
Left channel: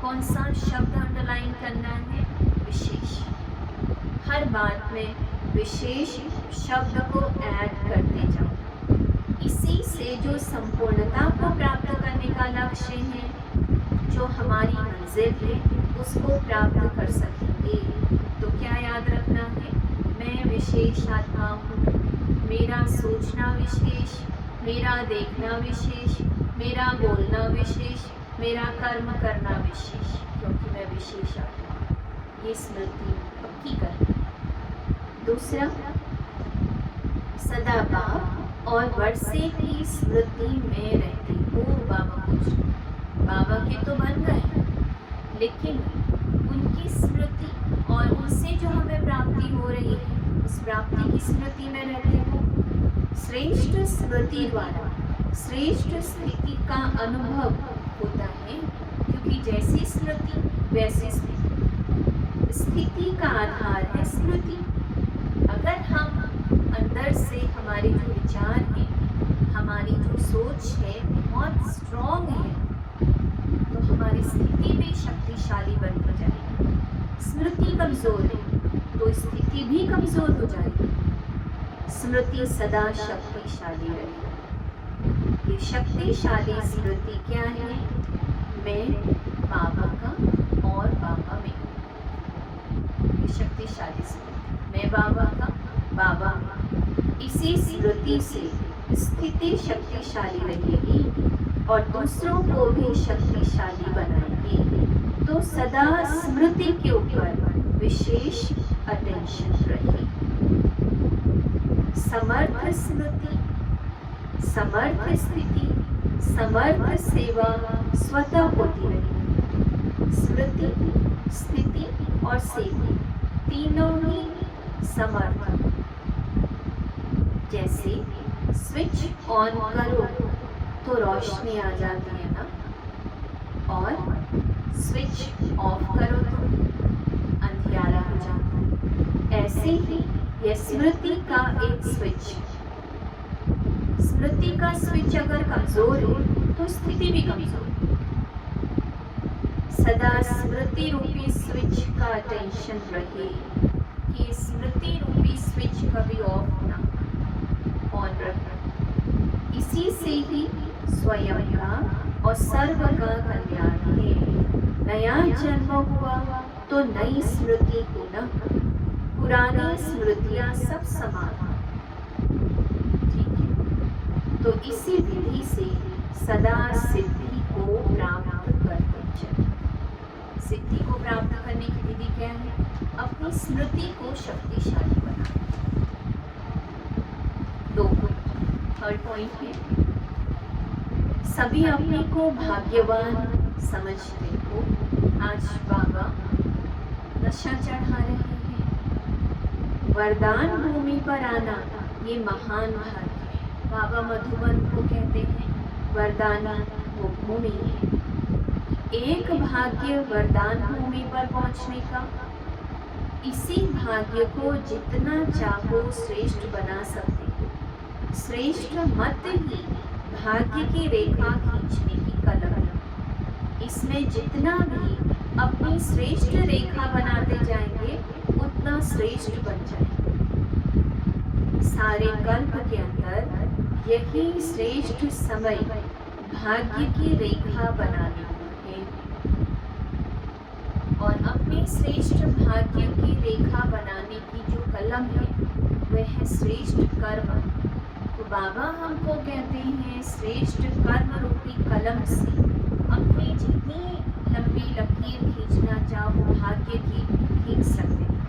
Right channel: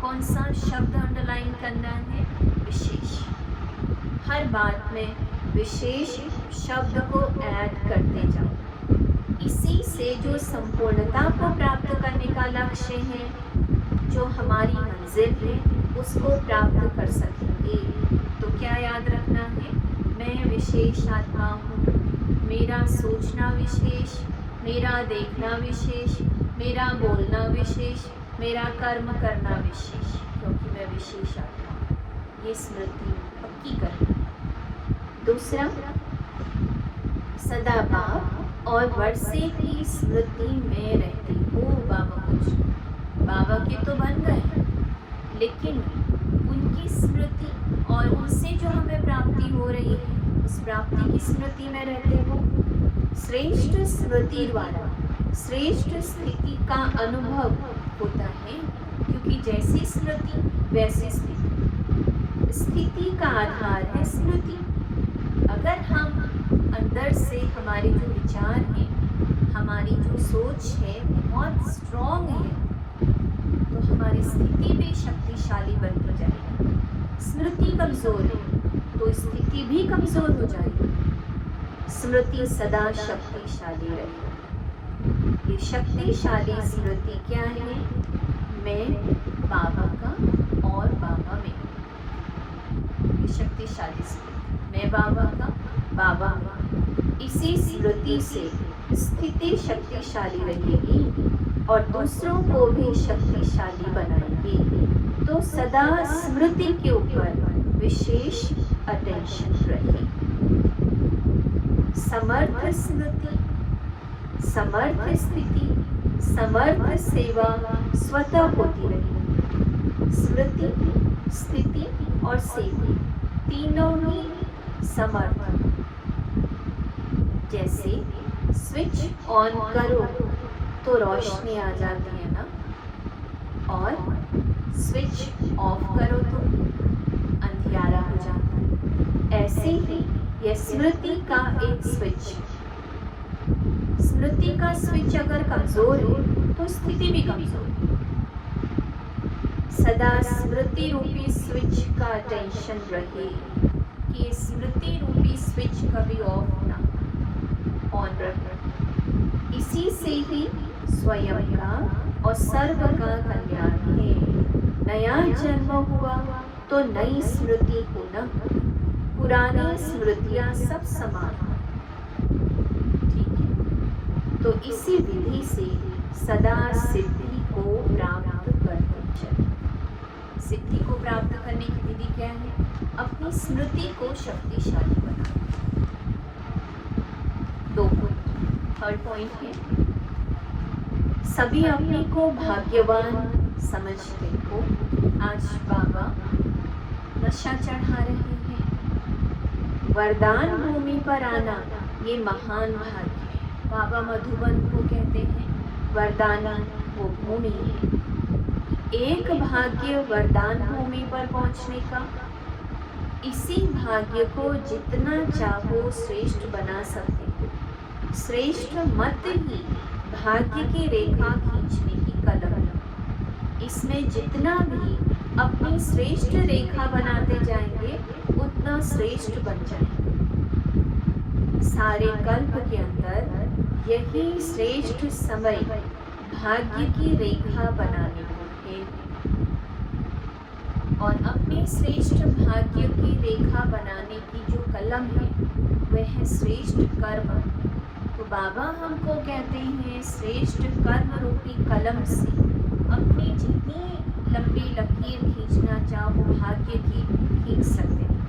कौन सा शब्द अंडरलाइन करना है? विशेष। हर बात में विशेष शब्द को ऐड करते जाओ। इसी से जो संपूर्णता को प्राप्त करने का लक्ष्य है, जो हमारी मंजिल है, उसको प्राप्त कर सकेंगे। तो क्या याद रखना है? मैं विशेष आत्मा हूँ, मेरा सोचना विशेष, मेरा देखना विशेष, मेरा बोलना विशेष, मेरा कर्म करना विशेष, क्योंकि मैं विशेष आत्मा हूँ। ये स्मृति पक्की करनी। दूसरा, सदा बाप और वर्षे की स्मृति में रहते हो। बाबा कुछ बाबा के तो बन गए, लेकिन उनकी स्मृति और उनसे जो हमें प्राप्ति हो रही है, उस प्राप्ति की स्मृति में रहते हो। श्रेष्ठ स्मृति द्वारा श्रेष्ठ स्थिति का अनुभव होता है, क्योंकि जैसी स्मृति वैसी स्थिति। स्थिति का आधार है स्मृति। अगर हम अंदर से हमारे जो विचार हैं, हमारी जो सोच है बहुत स्ट्रॉन्ग है, तो हमारी स्थिति भी शक्तिशाली बनती जाएगी। स्मृति कमजोर है तो स्थिति भी कमजोर हो जाएगी। स्मृति सदा शक्तिशाली रहे। ये शक्तिशाली स्मृति क्या है? मैं बाबा का और बाबा में। ये शक्तिशाली स्मृति, मैं बाबा का, बाबा में। इसी स्मृति से स्थिति शक्तिशाली रहेगी और दूसरों को भी शक्तिशाली बनाएगी। तो सदा स्मृति के ऊपर विशेष अटेंशन रहे। समर्थ स्मृति, समर्थ स्थिति, समर्थ सेवा स्वतः होती रही। स्मृति, स्थिति और सेवा तीनों ही समर्थ। जैसे स्विच ऑन करो तो रोशनी आ जाती है ना, और स्विच ऑफ करो तो अंधियारा हो जाता है। ऐसे ही यह स्मृति का एक स्विच। स्मृति का स्विच अगर कमजोर है तो स्थिति भी कमजोर है। सदा स्मृति रूपी स्विच का अटेंशन रहे कि स्मृति रूपी स्विच कभी ऑफ ना, ऑन रहे। इसी से ही स्वयं का और सर्व का कल्याण है। नया जन्म हुआ तो नई स्मृति होना, पुरानी स्मृतियां सब समान। ठीक है, तो इसी विधि से सदा सिद्धि को प्राप्त करते चले। सिद्धि को प्राप्त करने की विधि क्या है? अपनी स्मृति को शक्तिशाली बनाना। दो पॉइंट। थर्ड पॉइंट है, सभी अपने को भाग्यवान समझते हो। आज बाबा नशा चढ़ा रहे हैं। वरदान भूमि पर आना ये महान भाग्य है। बाबा मधुबन को कहते हैं वरदाना वो भूमि है। एक भाग्य वरदान भूमि पर पहुंचने का। इसी भाग्य को जितना चाहो श्रेष्ठ बना सकते हो। श्रेष्ठ मत ही भाग्य की रेखा खींचने की कलम है। इसमें जितना भी अपनी श्रेष्ठ रेखा बनाते जाएंगे उतना श्रेष्ठ बन जाएंगे। सारे कल्प के अंदर यही श्रेष्ठ समय भाग्य की रेखा बनाने को है। और अपने श्रेष्ठ भाग्य की रेखा बनाने की जो कलम है वह है श्रेष्ठ कर्म। तो बाबा हमको कहते हैं श्रेष्ठ कर्म रूपी कलम से अपनी जितनी लंबी लकीर खींचना चाहो भाग्य की खींच सकते हैं।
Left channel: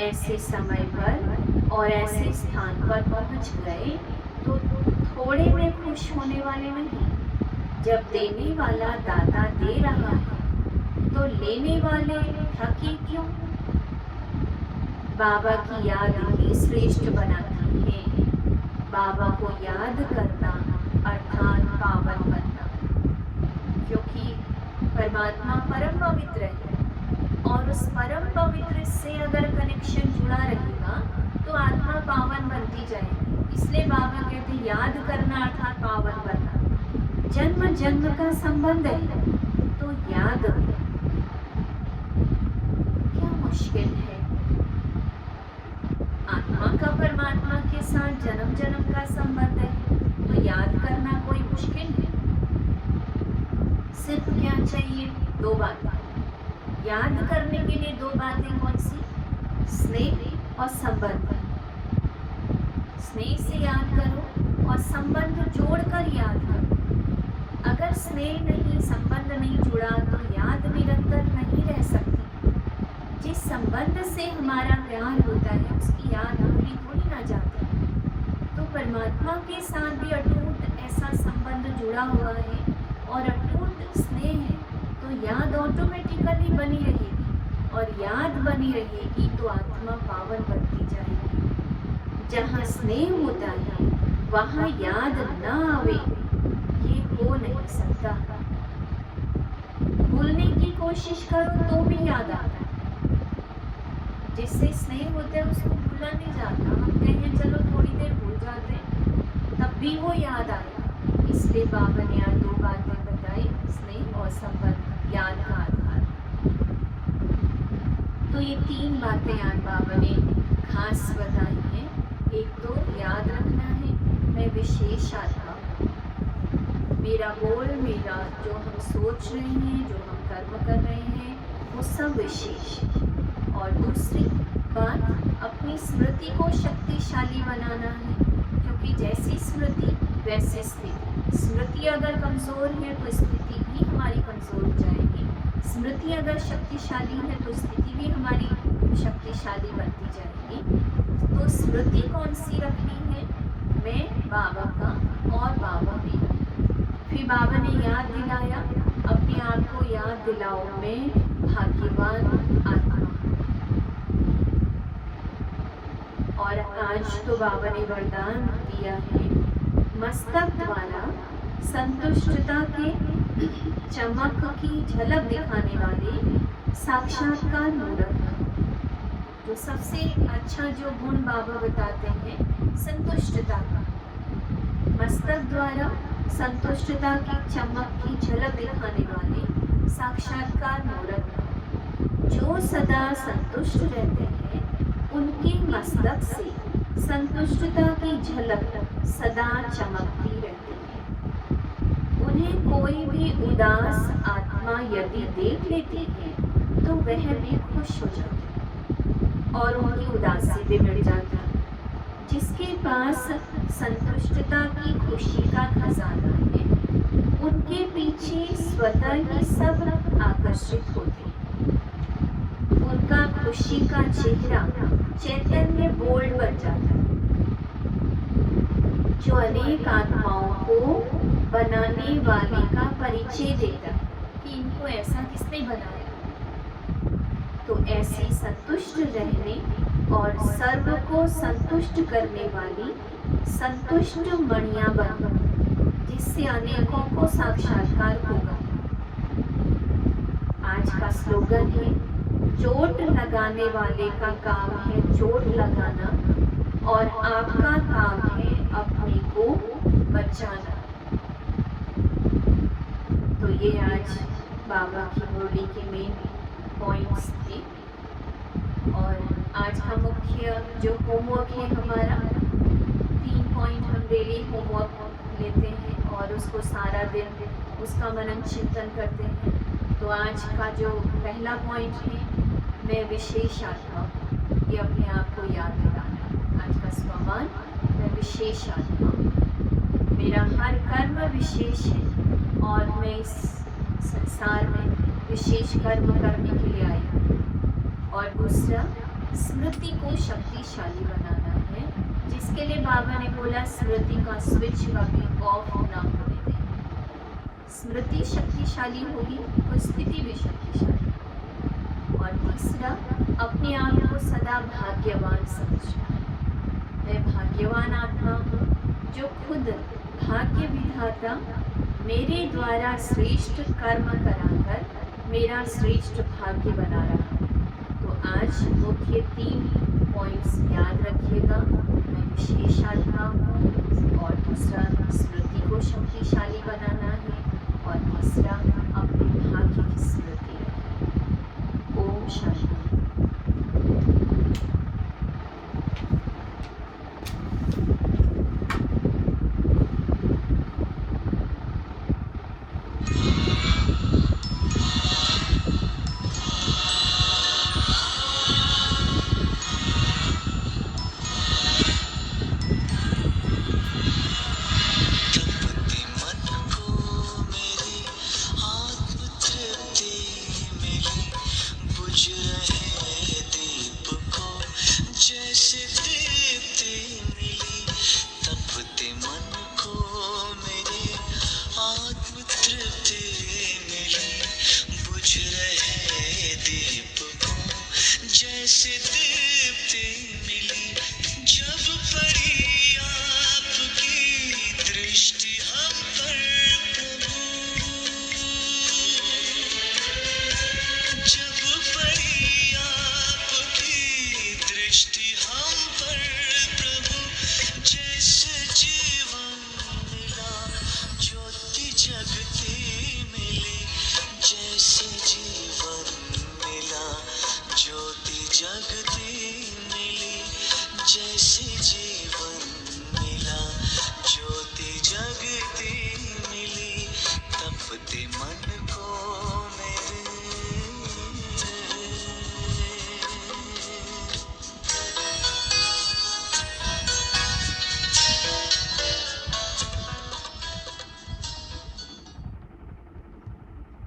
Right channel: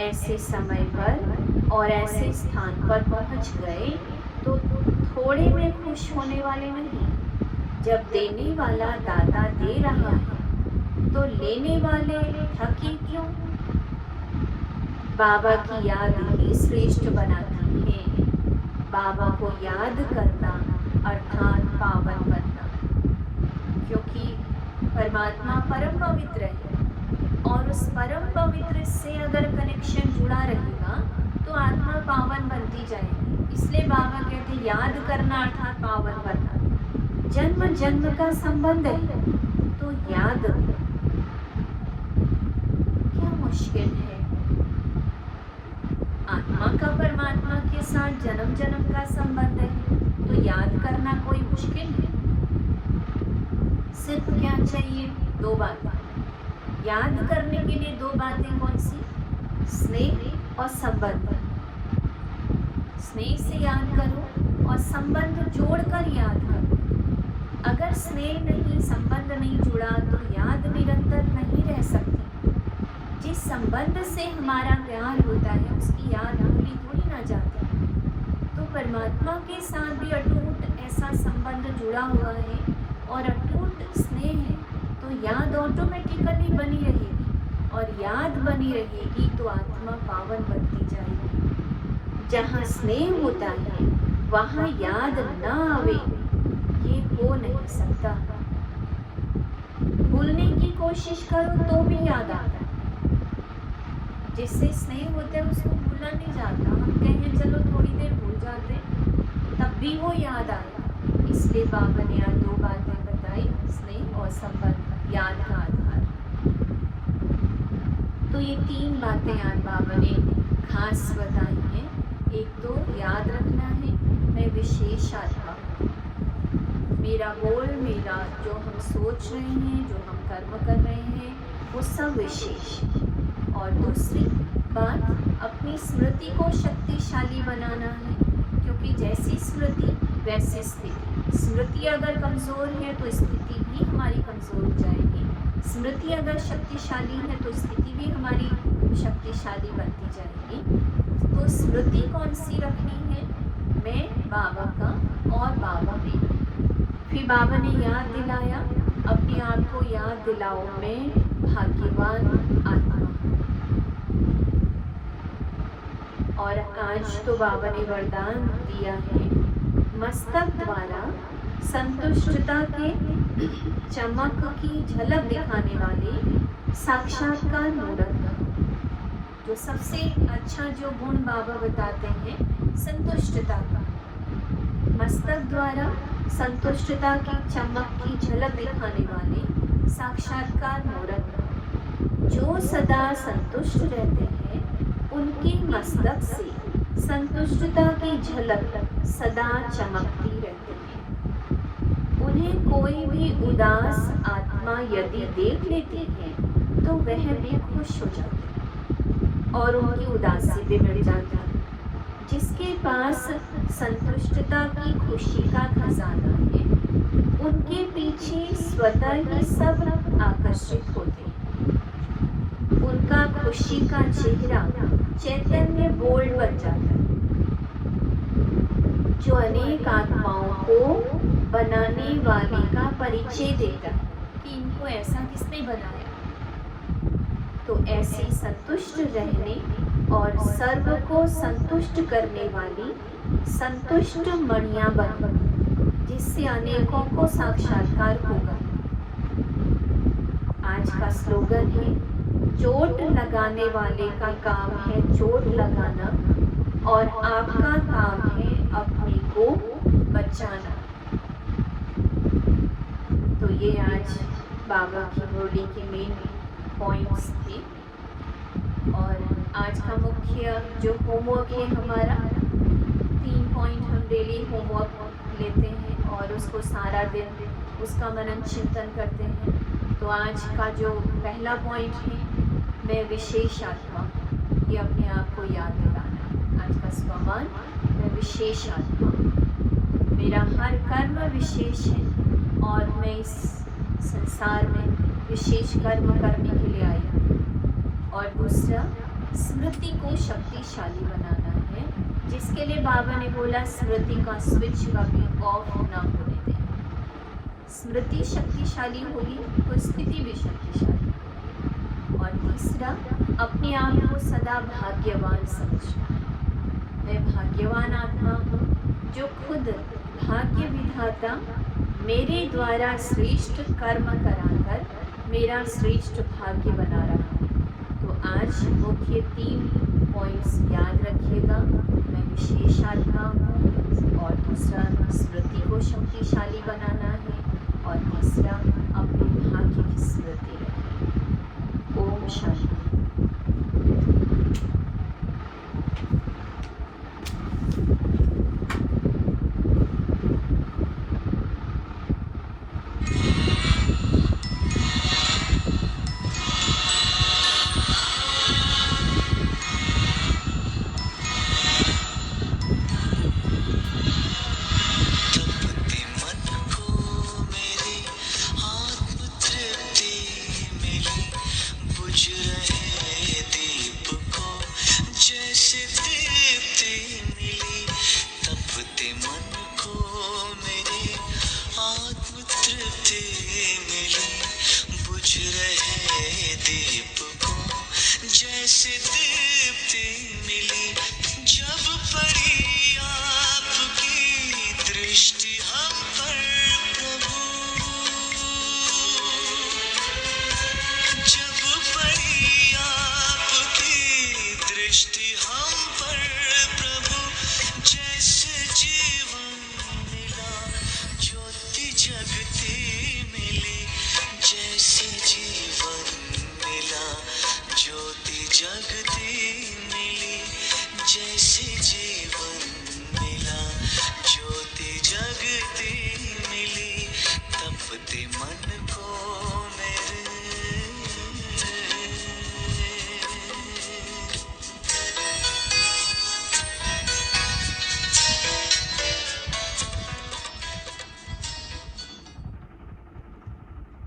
ऐसे समय पर और ऐसे स्थान पर पहुंच गए तो थोड़े में खुश होने वाले नहीं। जब देने वाला दाता दे रहा है तो लेने वाले थके क्यों? बाबा की याद ही श्रेष्ठ बनाती है। बाबा को याद करना अर्थात पावन बनना, क्योंकि परमात्मा परम पवित्र है और उस परम पवित्र से अगर कनेक्शन जुड़ा रहेगा तो आत्मा पावन बनती जाएगी। इसलिए बाबा कहते याद करना अर्थात पावन बनना। जन्म जन्म का संबंध है तो याद क्या मुश्किल है? आत्मा का परमात्मा के साथ जन्म जन्म का संबंध है तो याद करना कोई मुश्किल है? सिर्फ क्या चाहिए? दो बातें। याद करने के लिए दो बातें कौन सी? स्नेह और संबंध। स्नेह से याद करो और संबंध जोड़कर याद करो। अगर स्नेह नहीं, संबंध नहीं जुड़ा तो याद निरंतर नहीं रह सकती। जिस संबंध से हमारा प्यार होता है उसकी याद भूली थोड़ी ना जाती। तो परमात्मा के साथ भी अटूट ऐसा संबंध जुड़ा हुआ है और अटूट स्नेह है तो याद ऑटोमेटिकली बनी रहेगी और याद बनी रहेगी तो आत्मा पावन बनती जाएगी। जहाँ स्नेह होता है वहाँ याद ना आवे ये हो नहीं सकता। भूलने की कोशिश करो तो भी याद आता है। जिससे स्नेह होता है उसको भूला नहीं जाता। हम कहें चलो थोड़ी देर भूल जाते तब भी वो याद आएगा। इसलिए बाबा ने यहाँ दो बातें बताई, स्नेह और संबंध, याद का आधार। तो ये तीन बातें आज बाबा ने खास बताई हैं। एक तो याद रखना है मैं विशेष आत्मा, मेरा बोल, मेरा जो हम सोच रहे हैं, जो हम कर्म कर रहे हैं वो सब विशेष। और दूसरी बात अपनी स्मृति को शक्तिशाली बनाना है, क्योंकि जैसी स्मृति वैसी स्थिति। स्मृति अगर कमज़ोर है तो स्थिति भी हमारी कमज़ोर हो जाएगी। स्मृति अगर शक्तिशाली है तो स्थिति भी हमारी शक्तिशाली बनती जाएगी। तो स्मृति कौन सी रखनी है? मैं बाबा का और बाबा मेरा। फिर बाबा ने याद दिलाया, अपने आप को याद दिलाओ मैं भाग्यवान आत्मा। और आज तो बाबा ने वरदान दिया है, मस्तक द्वारा संतुष्टता के चमक की झलक दिखाने वाले साक्षात्कार मूर्त। जो सबसे अच्छा जो गुण बाबा बताते हैं संतुष्टता का। मस्तक द्वारा संतुष्टता की चमक की झलक दिखाने वाले साक्षात्कार मूर्त। जो सदा संतुष्ट रहते हैं उनके मस्तक से संतुष्टता की झलक सदा चमकती रहती है। उन्हें कोई भी उदास आत्मा यदि देख लेती है तो वह भी खुश हो जाती है और उनकी उदासी भी मिट जाती है। जिसके पास संतुष्टता की खुशी का खजाना है, उनके पीछे स्वतः ही सब आकर्षित होते हैं। उनका खुशी का चेहरा चैतन्य बोल्ड बन जाता है, जो अनेक आत्माओं को बनाने वाले का परिचय देता है कि इनको ऐसा किसने बनाया। तो ऐसी संतुष्ट रहने और सर्व को संतुष्ट करने वाली संतुष्ट मणियां बन, जिससे अनेकों को साक्षात्कार होगा। आज का स्लोगन है, चोट लगाने वाले का काम है चोट लगाना और आपका काम है अपने को बचाना। तो ये आज बाबा की मुरली के मेन पॉइंट्स थे। और आज का मुख्य जो होमवर्क है हमारा, 3 पॉइंट हम डेली होमवर्क लेते हैं और उसको सारा दिन उसका मनन चिंतन करते हैं। तो आज का जो पहला पॉइंट है, मैं विशेष आत्मा, ये अपने आप को याद दिलाना। आज का स्वमान, मैं विशेष आत्मा, मेरा हर कर्म विशेष है और मैं इस संसार में विशेष कर्म करने के लिए आई हूँ। और दूसरा, स्मृति को शक्तिशाली बनाना है, जिसके लिए बाबा ने बोला स्मृति का स्विच कभी ऑफ ना होने दें। स्मृति शक्तिशाली होगी तो स्थिति भी शक्तिशाली होगी। और तीसरा, अपने आप को सदा भाग्यवान समझना है। मैं भाग्यवान आत्मा हूँ जो खुद भाग्य विधाता मेरे द्वारा श्रेष्ठ कर्म कराकर मेरा श्रेष्ठ भाग्य बना रहा है। तो आज मुख्य 3 पॉइंट्स याद रखिएगा। मैं विशेष आत्मा हूँ, और दूसरा, स्मृति को शक्तिशाली बनाना है, और तीसरा, अपने भाग्य की स्मृति रखें। ओम शांति।